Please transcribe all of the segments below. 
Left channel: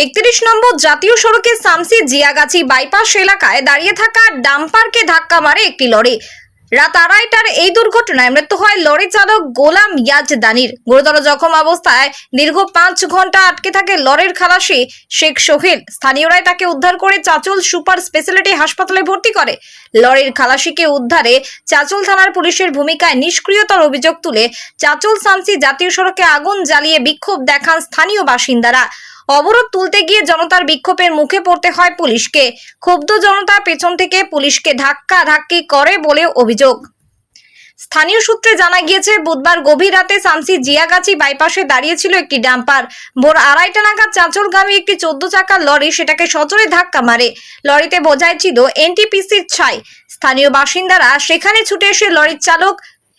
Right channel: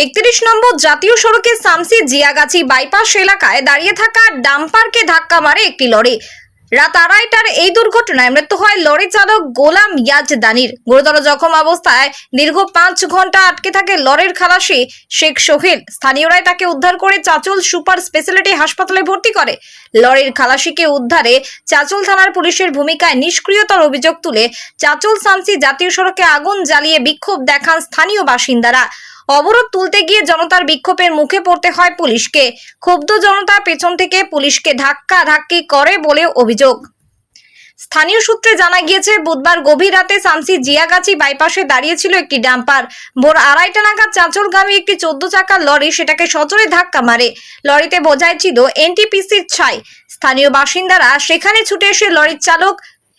31 নম্বর জাতীয় সড়কের শামসি জিয়াগাছি বাইপাস এলাকায় দাঁড়িয়ে থাকা ডাম্পারকে ধাক্কা মারে একটি লরি। রাত 2:30টার এই দুর্ঘটনায় মৃত্যু হয় লরি চালক গোলাম ইয়াজদানির। গুরুতর জখম অবস্থায় দীর্ঘ 5 ঘন্টা আটকে থাকে লরির খালাসি শেখ সোহেল। স্থানীয়রাই তাকে উদ্ধার করে চাচল সুপার স্পেশালিটি হাসপাতালে ভর্তি করে। লরির খালাসিকে উদ্ধারে চাচল থানার পুলিশের ভূমিকায় নিষ্ক্রিয়তার অভিযোগ তুলে চাচল শামসি জাতীয় সড়কে আগুন জ্বালিয়ে বিক্ষোভ দেখান স্থানীয় বাসিন্দারা। অবরোধ তুলতে গিয়ে জনতার বিক্ষোভের মুখে পড়তে হয় পুলিশকে। ক্ষুব্ধ জনতা পেছন থেকে পুলিশকে ধাক্কাধাক্কি করে বলে অভিযোগ। স্থানীয় সূত্রে জানা গিয়েছে, বুধবার গভীর রাতে শামসি জিয়াগাছি বাইপাসে দাঁড়িয়েছিল একটি ডাম্পার। ভোর 2:30 নাগাদ চাঁচলগামী একটি 14 চাকার লরি সেটাকে সজোরে ধাক্কা মারে। লরিতে বোঝাই ছিল এনটিপিসির ছাই। স্থানীয় বাসিন্দারা সেখানে ছুটে এসে লরির চালক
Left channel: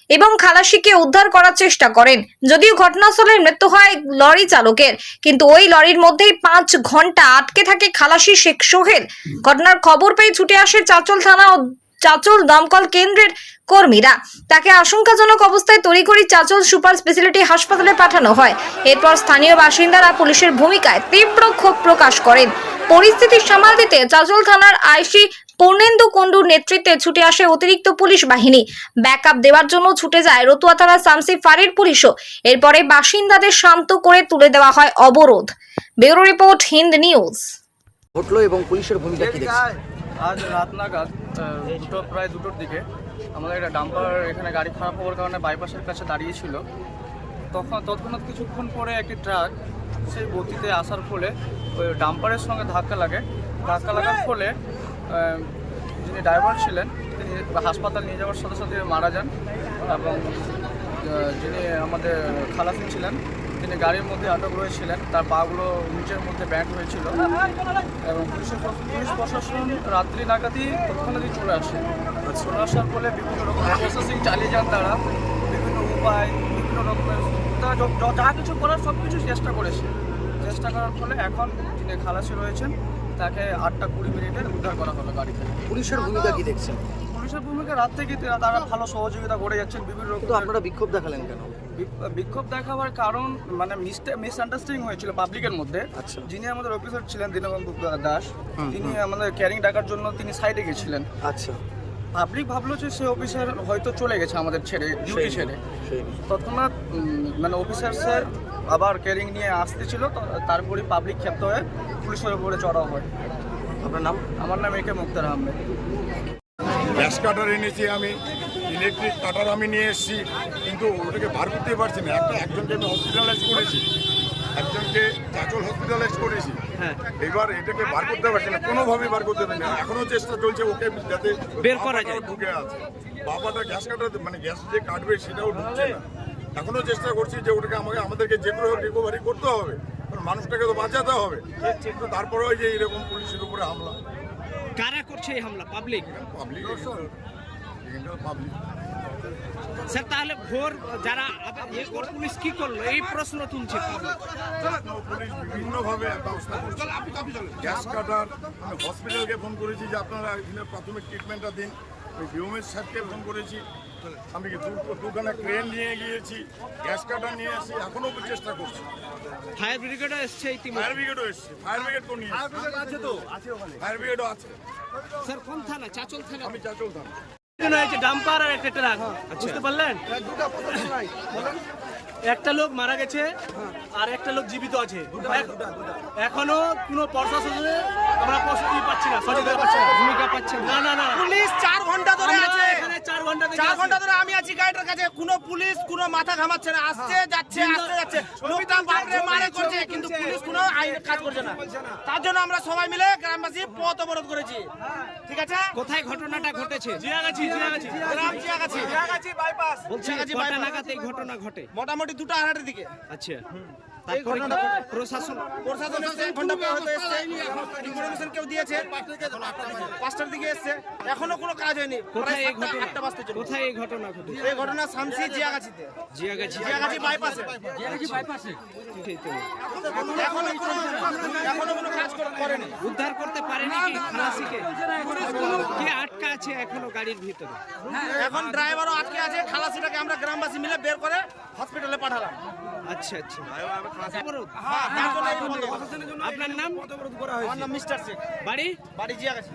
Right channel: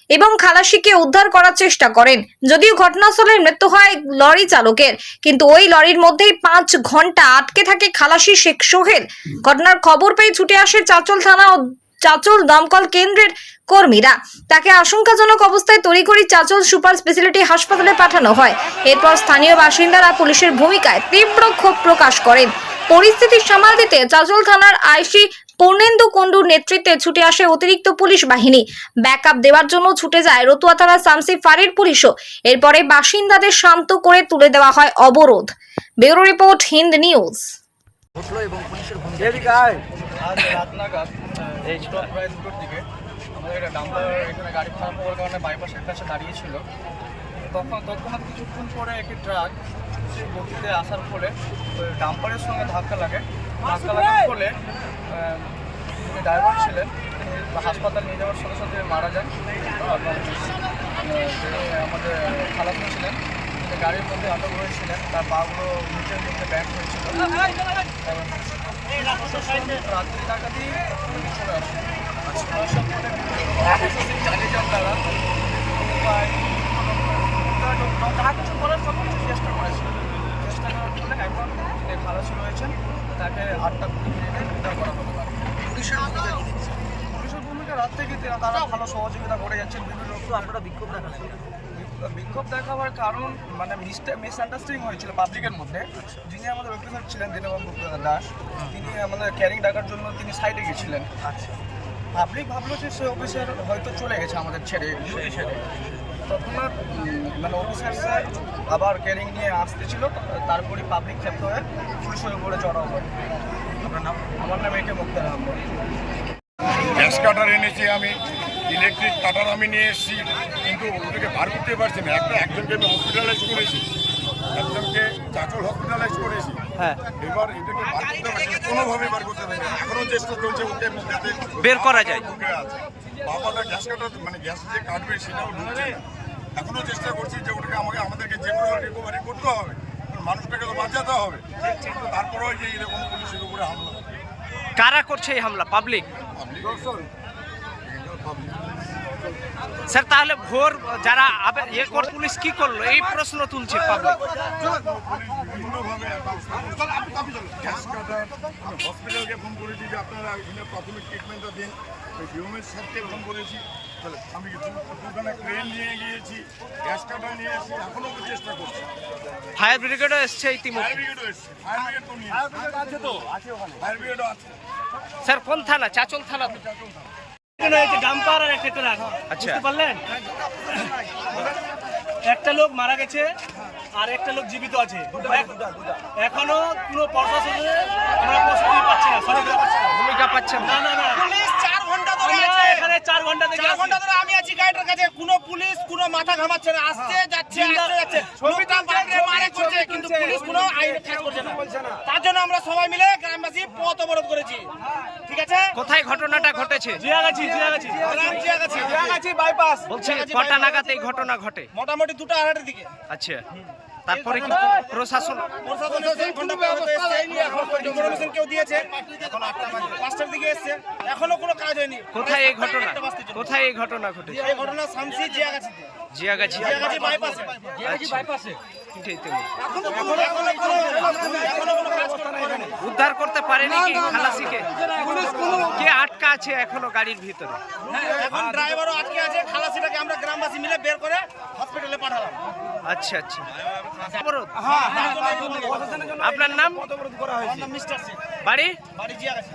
এবং খালাসিকে উদ্ধার করার চেষ্টা করেন। যদিও ঘটনাস্থলে মৃত্যু হয় লরি চালকের, কিন্তু ওই লরির মধ্যেই 5 ঘন্টা আটকে থাকে খালাসি শেখ সোহেল। ঘটনার খবর পেয়ে ছুটে আসে চাচল থানা ও চাচল দমকল কেন্দ্রের কর্মীরা। তাকে আশঙ্কাজনক অবস্থায় তড়িঘড়ি চাচল সুপার স্পেশালিটি হাসপাতালে পাঠানো হয়। এরপর স্থানীয় বাসিন্দারা পুলিশের ভূমিকায় তীব্র ক্ষোভ প্রকাশ করেন। পরিস্থিতি সামাল দিতে চাচল থানার আইসি পূর্ণেন্দু কুণ্ডুর নেতৃত্বে ছুটে আসে অতিরিক্ত পুলিশ বাহিনী। ব্যাকআপ দেওয়ার জন্য ছুটে যায় রতুয়া থানার শামসি ফাঁড়ির পুলিশও। এরপরে বাসিন্দাদের শান্ত করে তুলে দেওয়া হয় অবরোধ। Bureau report, Hind news. এবং পুলিশের ভূমিকা কি দেখছেন? আজ রাত নাগাদ প্রায় 2টোর দিকে আমাদের একটা ডাম্পার এখানে গাড়ি খারাপ হওয়ার কারণে বাইপাসের কাছে দাঁড়িয়েছিল। তৎক্ষণাৎ কিছুক্ষণ পরে একটি ট্রাক সেই গতিতে আসার ফলে ওই ডাম্পারের সঙ্গে ধাক্কা লাগার ফলে যিনি ড্রাইভার ছিলেন তিনি হাসপাতাল নিয়ে যাওয়ার সাথে সাথে মারা যান। এবং যিনি আমাদের খালাসি ছিলেন তিনি গাড়ির মধ্যে আটক রয়েছিলেন, তার পাগুলো নিচের মধ্যে ব্যান্ড হয়েছিল। এবং পুলিশ প্রশাসন রাত্রি নাগাদই তৎক্ষণাৎই চলে আসার ফলে বিভিন্ন রকম প্রসেসিং চালিয়ে যান তারা। বিভিন্ন উপায় বিভিন্ন রকম যা কিছু করার সব কিছু চেষ্টা করার ফলে এখন যিনি খালাসি রয়েছেন তাকে 8:20 উদ্ধার করা হলো গাড়ি থেকে। পুলিশের ভূমিকা কি দেখছেন? পুলিশের ভূমিকা রাত থেকে তারা ভালো সহযোগিতা করে যাচ্ছেন। বিভিন্ন রকম আপনারা বিক্ষোভ দেখালেন কেন? বিক্ষোভ দেখাবার কারণ মিসআন্ডারস্ট্যান্ডিং হয়েছিল পাবলিকের মধ্যে। যিনি আমাদের অফিসার ছিলেন দীনবন্ধু দাস, তিনি আমাদের ক্যারিং ডাকার জন্য তিনি সাইডে গেছিলেন। আচ্ছা, পাবলিক ভাবলো যে সে অফিসার হয়তো চলে গেছে আমাদের ডিউটি ছেড়ে। তৎক্ষণাৎ অফিসার স্যার আবার ক্যারিং নিয়ে আসতেছিল, তারপরে পাবলিক ক্ষেপ্ত হয়ে পুলিশের উপরে চড়াও হয়। আপনার নাম? আমার নাম একে মুক্তার আহমেদ। গ্যাস কাটার এনেছি আমি, ইলেকট্রিক কাটার আমি নিয়ে এসেছি, কিন্তু ওটাকে বার করতে পারছি না। একজনকে আমি হসপিটালাইজ করেছি, একজনকে চাচল হসপিটালাইজ করেছি। হ্যাঁ, এবার এটাকে বার করতে পারছি না, কোনোভাবেই বার করতে পারছি না। এখনো চেষ্টা চলছে ওকে যাতে বের করা যায়। ঢুকে আছে বাবাটা গ্যাস কাটার গ্যাস যে কাটবে সেটাও ঢুকছে না। এখনো চেষ্টা করছি যে ওটাকে আমাদেরকে যে করে রিকভারি করতে হবে, মানুষটাকে তো বাঁচাতে হবে। কিন্তু তারপরেও যে এরকম পুলিশের উপরে হামলা। কারা করছে এই হামলা? পাবলিক। পাবলিক স্যার, তাহলে ভোর যারা পুলিশ কি করলো এই প্রশ্ন তুলছে পাবলিক। পুলিশ বিভিন্নভাবে গ্যাস কাটার হসপিটালকে ফোন করেছি যে আপনারা এখানে প্রাথমিক ট্রিটমেন্টটা দিন। ডিওমের স্যারকে ফোন করেছি, আমি দুখানে ক্রেন নিয়ে গিয়েছি, গ্যাস কাটার নিয়ে এসেছি, এখনও চেষ্টা করছি। ফায়ার ব্রিগেডও এসছে ইতিমধ্যে। ফায়ার ব্রিগেডও এসছে, ফায়ার ব্রিগেড তো নিয়ে ফায়ার ব্রিগেডও আছে। স্যার, কোন থানা? চাচল থানা। চাচল থানা। ডাম্পার আর একটা ট্রাক, বুঝতে পারলেন? একটা লোক মারা গেছে আর একটা লোক জীবিত আছে। এখনো কোনো প্রশাসনে আমরা প্রস্তুতি পাচ্ছি না, সহযোগিতা পাচ্ছি না, ভূমিকা পাচ্ছেন না। না, পুলিশ 4 ঘন্টা ধরে আমরা আছে। এখানে 4 ঘন্টা থেকে 4 ঘন্টা ধরে আমি আছি গাইডের কাছে, কোনো পুলিশ কোনো মাথা ঘামাচ্ছে না, আসছে যাচ্ছে। লোকটা বাপরে মারে করছে, কিন্তু পুলিশ কোনো আইন কাজ করছে না। তার জন্য আমরা সবাই মিলে গ্রামবাসী পথ অবরোধ করেছি। ঠিক আছে? কোথায় ঘটনাটা ঘটেছে? গ্রাম জিয়াগাছি বাইপাস। বলছি কটা নাগাদ এই ঘটনা ঘটে? মোটামুটি 2:30 দিকে। আচ্ছা, তারপরে কি প্রশাসন এসে ঘন্টা পর হয়তো এসছে, ইনফরমেশন কেউ দিয়েছে। 5টার দিকে এসছে, এখনো কোনো কাজ হয়নি। কোথায় এই ঘটনা ঘটেছে? এই ঘটনা শামসি জিয়াগাছিতে, জিয়াগাছি বাইপাসে। ঠিক আছে। এখনো কোনো কাজ করেনি। উদ্ধার করতে পারেনি কি খালাসিকে? কে আটকা আছে এখনো গাড়ির ভিতরে? এখন ড্রাইভারও আটকে আছে, খালাসিটাকে আমরা গ্রামবাসী মিলে বের করে হসপিটালে পাঠালাম। আচ্ছা আচ্ছা। অবরোধ। তার জন্য এই বন্ধ করা হয়েছে। আপনার নাম? আমার নাম মিস্টার শেখ, বাড়ি? বাড়ি জিয়াগাছি।